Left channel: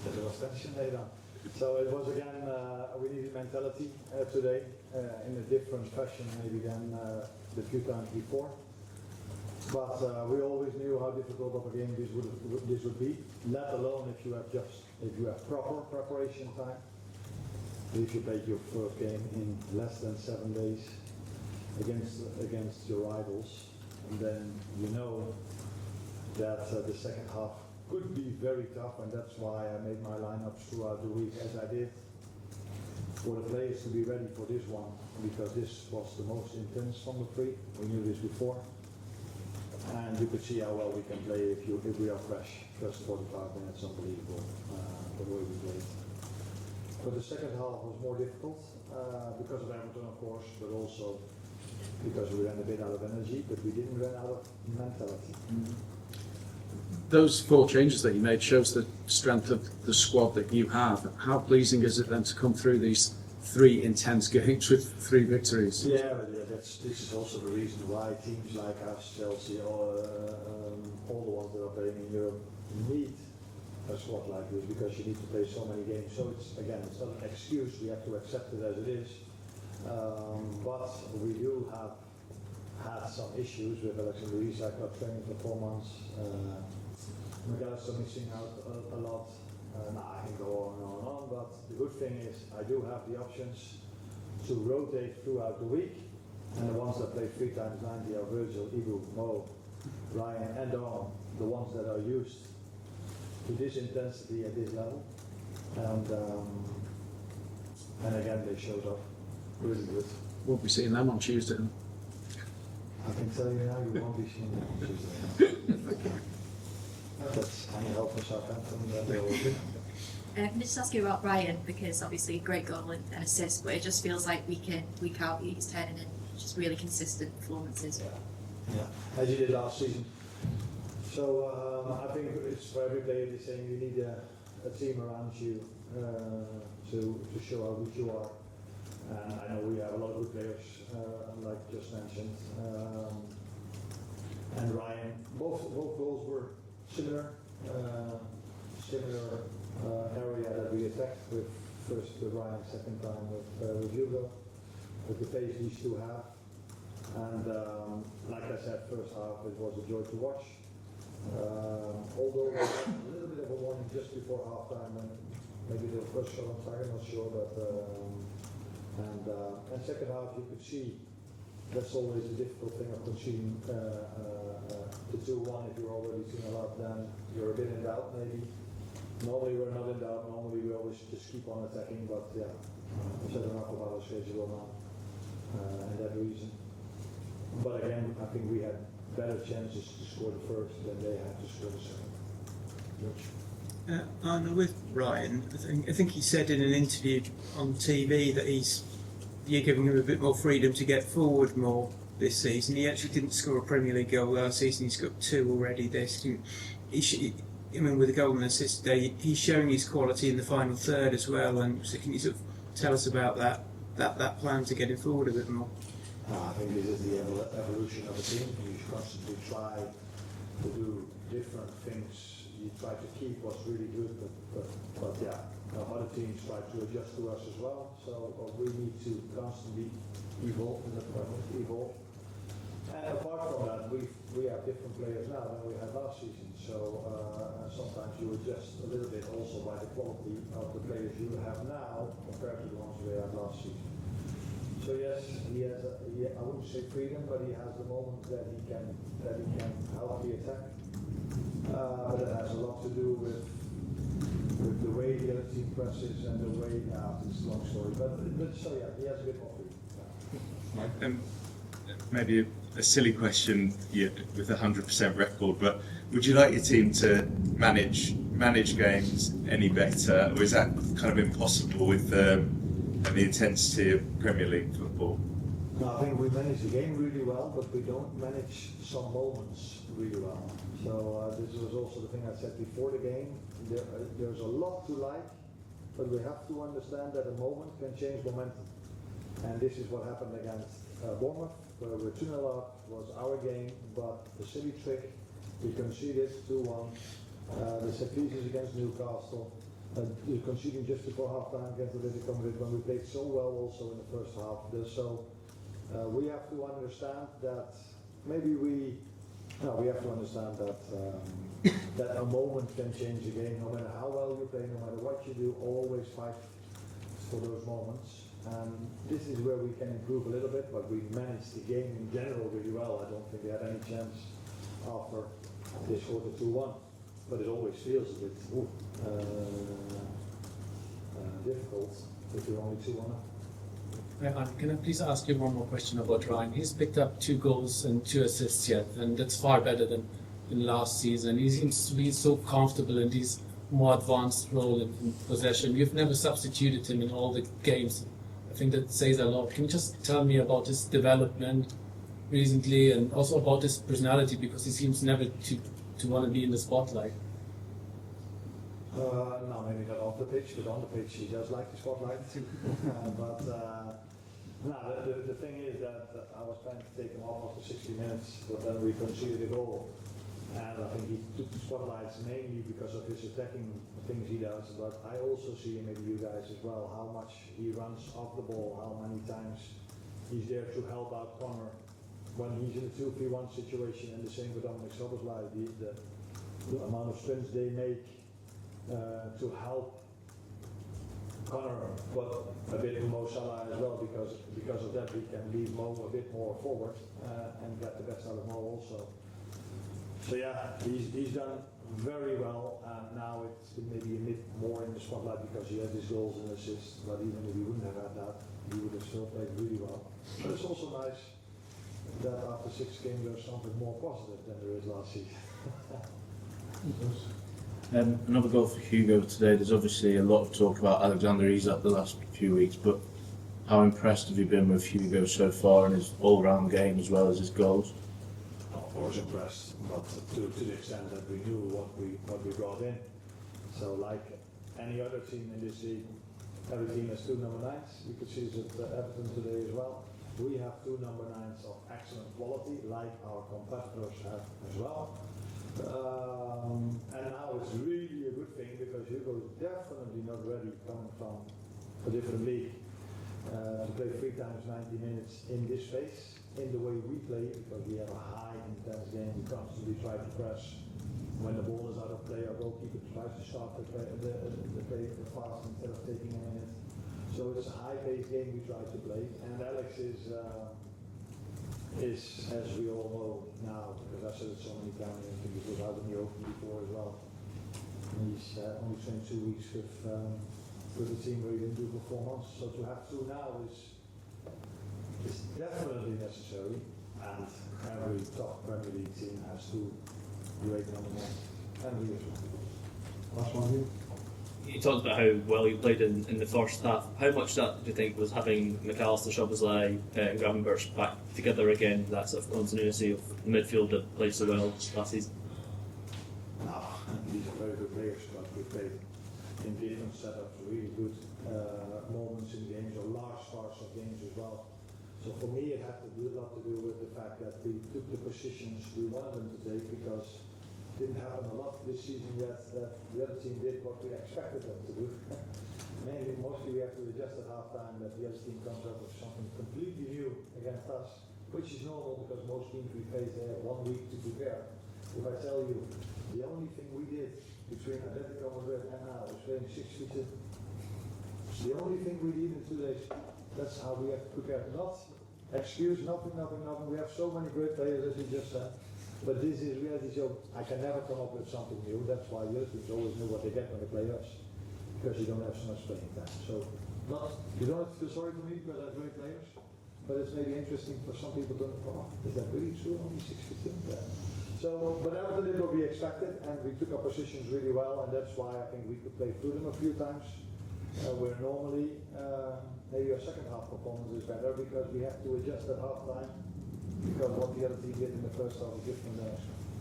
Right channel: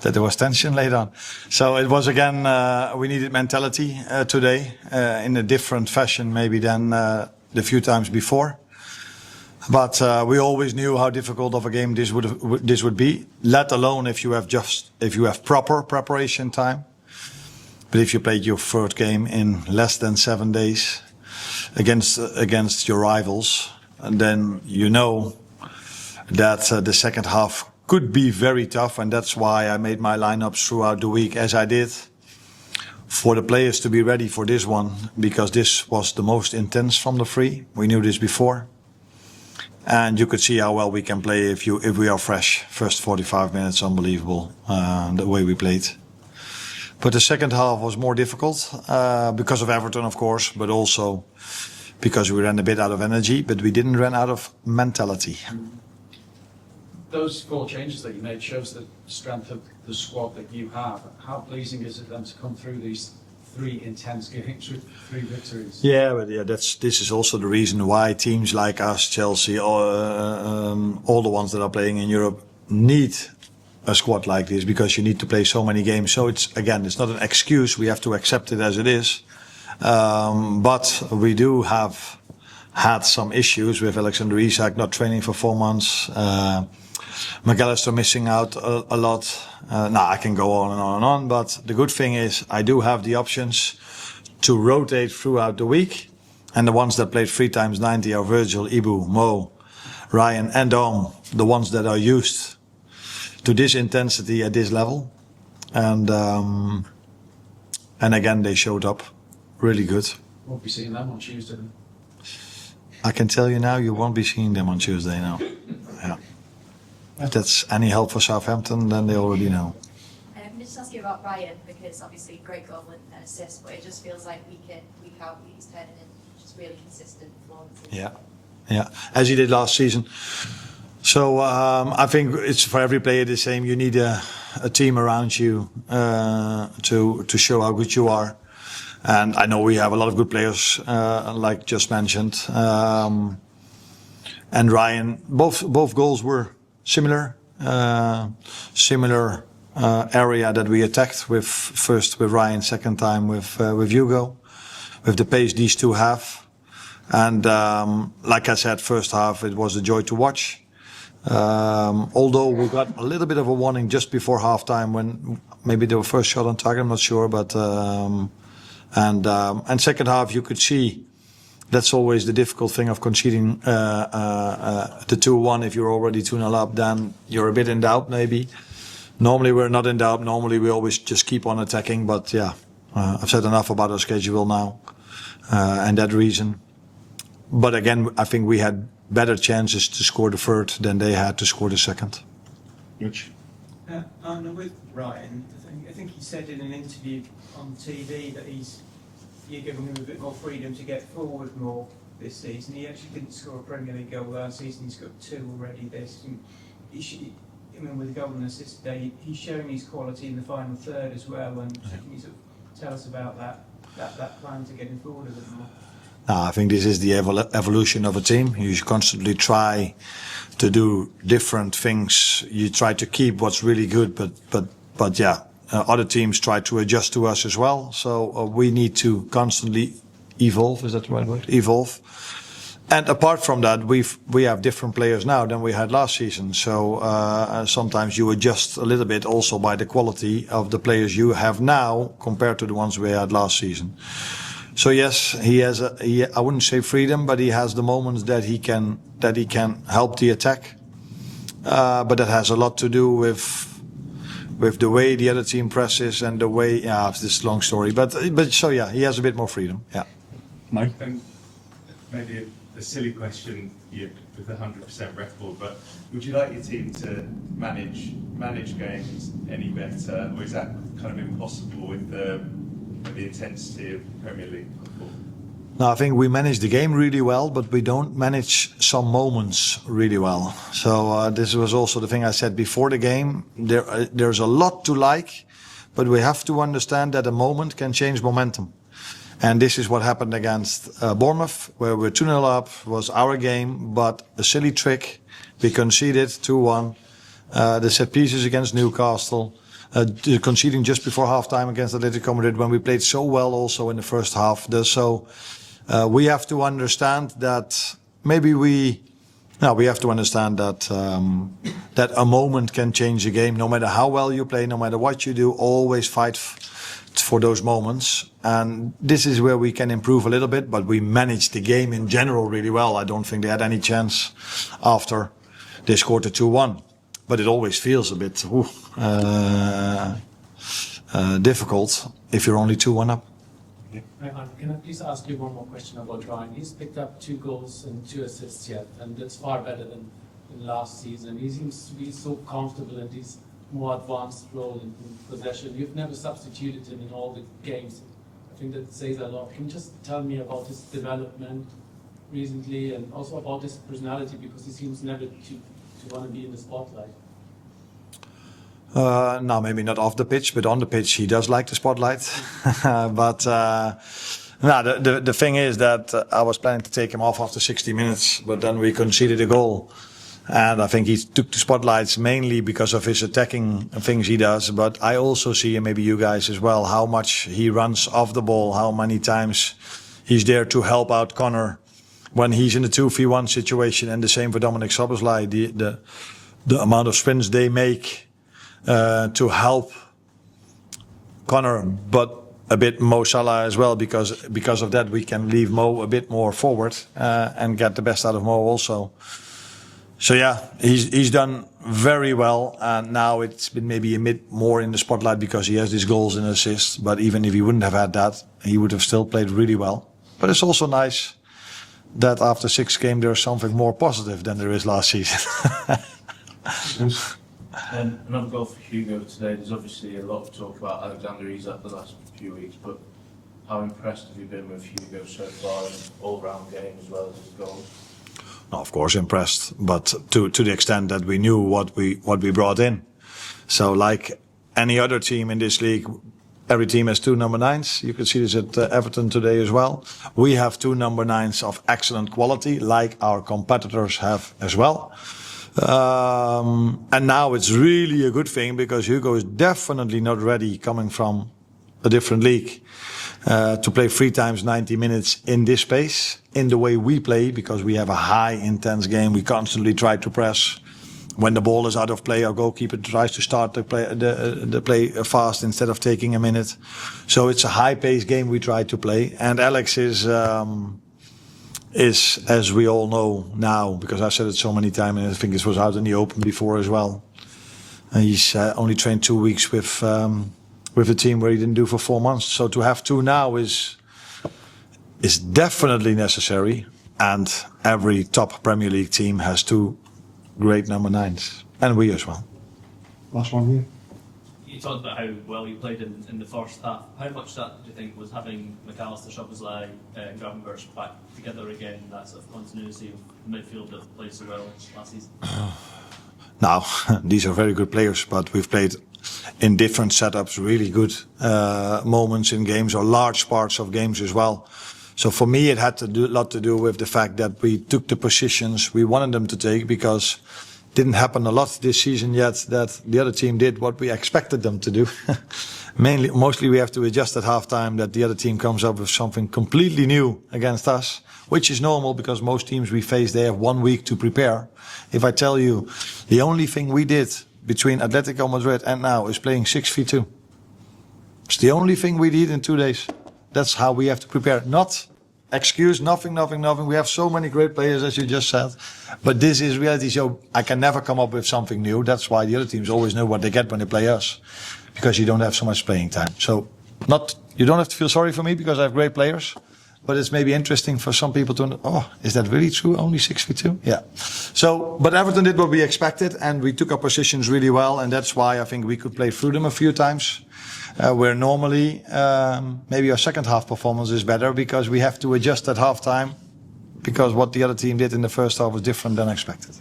that there was tension later on. So it was again, we needed mentality today in a different fashion maybe than the few times before. But we always knew how difficult of a game this would be, let alone if you have proper preparation time. But if you played your third game in less than 7 days against your rivals, and then you know that the second half could be very tough, and that's why I made my lineups throughout the week as I did, for the players to be ready for this one, because this was the most intense from the three. We knew this before. And you could see how well we can play if we are fresh. First 45 minutes, unbelievable, the way we played. But the second half was more difficult because of Everton, of course, but also because we ran a bit out of energy, but we didn't run out of mentality. Those 4 changes that you made shows the strength of the squad that you have. How pleasing is it then to come through these 3 intense games with 3 victories? Yeah, but this is also the reason why teams like us, Chelsea, all the ones that are playing in Europe need a squad like this, because you need to play so many games. So it's not an excuse. We have to accept it as it is. But we do have had some issues with Alexander Isak not training for 4 months. McAllister missing out a lot. I can go on and on and on, but the good thing is I do have the options to rotate throughout the week, and the ones that played 3 times 90 are Virgil, Ibu, Mo, Ryan and Dom, the ones that are used to this intensity at this level, and again they showed up really good. We'll be seeing them on Tuesday. I can tell you now, you won't be seeing them on Tuesday now. Yeah. If that's any help for Southampton, then they already know. Can I just ask you about Ryan, because obviously a great goal and assist, but it just feels like week in, week out, he's turning in just really consistent performances. Yeah, as he did last season. So I think it's for every player the same. You need a team around you to show how good you are. And I know we have a lot of good players, like just mentioned. And Ryan, both goals were similar area that we attacked with, first with Ryan, second time with Hugo, with the pace these two have. And like I said, first half it was a joy to watch. Although we got a little bit of a warning just before halftime when maybe they were first shot on target, I'm not sure, but and second half you could see. That's always the difficult thing of conceding the 2-1. If you're already 2-0 up, then you're a bit in doubt maybe. Normally we're not in doubt. Normally we always just keep on attacking. But yeah, I've said enough about our schedule now and that reason. But again, I think we had better chances to score the third than they had to score the second. Which? Arne, with Ryan, I think he said in an interview on TV that you're giving him a bit more freedom to get forward more this season. He actually didn't score a Premier League goal last season. He's got 2 already this. With a goal and assist today, he's showing his quality in the final third as well. And so can you sort of tell us about that plan to get him forward a bit more? I think this is the evolution of a team. You should constantly try to do different things. You try to keep what's really good, but yeah. Other teams try to adjust to us as well, so we need to constantly evolve. Is that the right word? Evolve. And apart from that, we have different players now than we had last season. So sometimes you adjust a little bit also by the quality of the players you have now compared to the ones we had last season. So yes, he has I wouldn't say freedom, but he has the moments that he can help the attack. But that has a lot to do with the way the other team presses and the way, it's this long story, but so yeah, he has a bit more freedom. Yeah. Mike? Maybe a silly question with a 100% record, but would you like your team to manage games any better, or is that kind of impossible with the intensity of Premier League football? No, I think we manage the game really well, but we don't manage some moments really well. So this was also the thing I said before the game. There's a lot to like, but we have to understand that a moment can change momentum. And this is what happened against Bournemouth, where we're 2-0 up, was our game, but a silly trick. We conceded 2-1. The set pieces against Newcastle. conceding just before halftime against Atletico Madrid when we played so well also in the first half. So we have to understand that we have to understand that that a moment can change a game. No matter how well you play, no matter what you do, always fight for those moments. And this is where we can improve a little bit, but we managed the game in general really well. I don't think they had any chance after they scored the 2-1. But it always feels a bit difficult if you're only 2-1 up. Can I please ask you one more question about Ryan? He's picked up 2 goals and 2 assists yet, and that's far better than last season. He seems to be so comfortable in these more advanced role in possession. You've never substituted him in all the games. I think that says a lot. Can you just tell me about his development recently and also about his personality, because he seems never to want to be in the spotlight? No, maybe not off the pitch, but on the pitch he does like the spotlight. But the thing is that I was planning to take him off after 60 minutes, but then we conceded a goal. And I think he took the spotlights mainly because of his attacking things he does. But I also see, and maybe you guys as well, how much he runs off the ball, how many times he's there to help out Connor when he's in a 2v1 situation. And the same for Dominic Szoboszlai, the amount of sprints they make to help Connor, but a bit Mo Salah as well, because of that we can leave Mo a bit more forward and get the best out of Mo also. So yeah, he's done very well, and now it's been maybe a bit more in the spotlight because he has these goals and assists. But even if he wouldn't have had that, he would have still played really well. But it's also nice that after 6 games there's something more positive than there is last season. Another goal for Hugo today. There's obviously a lot of talk about Alexander Isak the last few weeks, but how impressed have you been with Hugo so far in his all-round game as well as his goals? Of course, impressed, but to the extent that we knew what we brought in. So, like any other team in this league, every team has 2 number 9s. You can see this at Everton today as well. We have 2 number 9s of excellent quality, like our competitors have as well. And now it's really a good thing because Hugo is definitely not ready, coming from a different league, to play 3 times 90 minutes in this space, in the way we play, because we have a high intense game. We constantly try to press. When the ball is out of play, our goalkeeper tries to start the play fast instead of taking a minute. So it's a high-paced game we try to play. And Alex is, as we all know now, because I've said it so many times, and I think this was out in the open before as well. He's only trained 2 weeks with a team where he didn't do for 4 months. So to have 2 now is definitely necessary. And every top Premier League team has 2 great number 9s, and we as well. Last one here. You talked about how well you played in the first half. How much that do you think was having McAllister, Szoboszlai, Gravenberch back together again, that sort of continuity of the midfield that played so well last season? Now, these are very good players, but we've played in different setups, really good moments in games, or large parts of games as well. So for me, it had a lot to do with the fact that we took the positions we wanted them to take, because it didn't happen a lot this season yet that the other team did what we expected them to do. Mostly we have to adjust at halftime that the other team comes up with something completely new against us, which is normal because most teams we face, they have 1 week to prepare. If I tell you, the only thing we did between Atletico Madrid and now is playing 6v2. It's the only thing we did in 2 days. That's how we have to prepare. Not excuse, nothing. We have so many great players, as you just said. But this is reality. So I can never come up with something new. That's why the other teams always know what they get when they play us, because you don't have so much playing time. So you don't have to feel sorry for me because I have great players. But it's maybe interesting for some people to know, oh, is that really true? Only 6v2? Yeah. So, but Everton did what we expected, and we took our positions really well. And that's why I think we could play through them a few times. Where normally maybe our second half performance is better because we have to adjust at halftime because what the other team did in the first half was different than expected.